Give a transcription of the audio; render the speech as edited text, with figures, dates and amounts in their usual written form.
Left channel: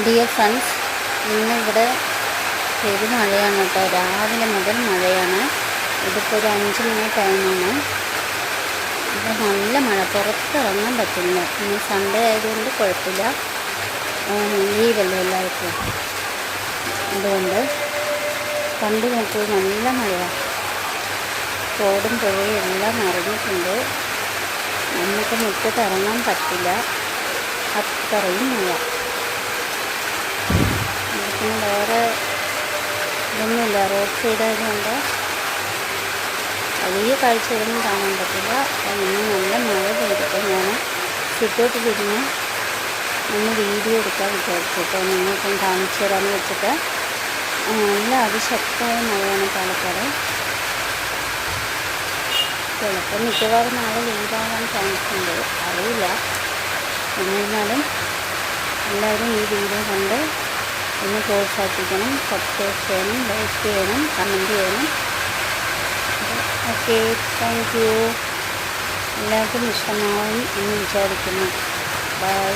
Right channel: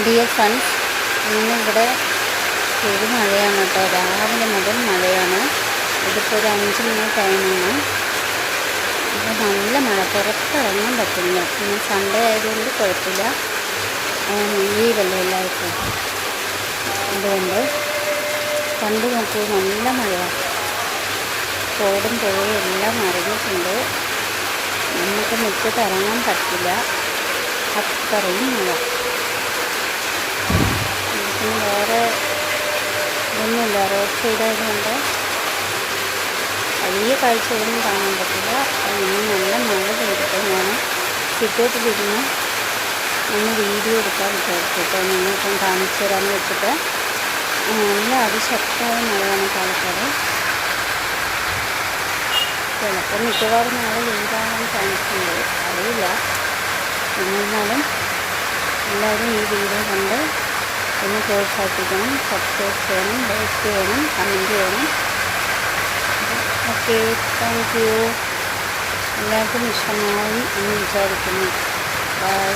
Dear friends, ഇന്നിവിടെ പെരുമഴയാണ് കേട്ടോ. രാവിലെ മുതൽ മഴയാണ്. ഇതിപ്പോൾ ഒരു 5 മണി ടൈമാണ്. ഇപ്പോൾ നല്ല മഴ, പുറത്തിറങ്ങാൻ പറ്റില്ല. ഇന്ന് സൺഡേ ആയതുകൊണ്ട് കുഴപ്പമില്ല, ലീവല്ലേ എല്ലാവർക്കും. അതുകൊണ്ട് കണ്ടു നോക്കൂ, നല്ല മഴയാണ്. തോടും പുഴയും എല്ലാം നിറഞ്ഞിട്ടുണ്ട്. നമുക്ക് മുറ്റത്ത് ഇറങ്ങാൻ പറ്റില്ല, അത്രയും മഴ. പിന്നെ വേറെ ഇതൊന്നുമില്ല, റോഡ് സൈഡ് ആയതുകൊണ്ട് വലിയ കാഴ്ചകളൊന്നും കാണാൻ പറ്റില്ല. ഇന്ന് നല്ല മഴ പെയ്തിട്ട് ഞാൻ സിറ്റൗട്ടിലിരുന്ന് ഒന്ന് വീഡിയോ എടുക്കാൻ വിചാരിച്ചിട്ട് നിങ്ങൾക്കും കാണിച്ചു തരാമെന്ന് വെച്ചിട്ട്. നല്ല അതിശക്തമായ മഴയാണ് പാലക്കാട്. ചിലപ്പോൾ മിക്കവാറും നാളെ ലീവാകാൻ ചാൻസ് ഉണ്ട്, അറിയില്ല. എന്നിരുന്നാലും എല്ലാവരും ഈ വീഡിയോ കണ്ട് എന്നെ പ്രോത്സാഹിപ്പിക്കണം. സബ്സ്ക്രൈബ് ചെയ്യണം, ലൈക്ക് ചെയ്യണം, കമൻറ്റ് ചെയ്യണം. Okay, thank you. എല്ലാവർക്കും ഇഷ്ടമാവും എന്ന് വിചാരിക്കുന്നു. ബൈ.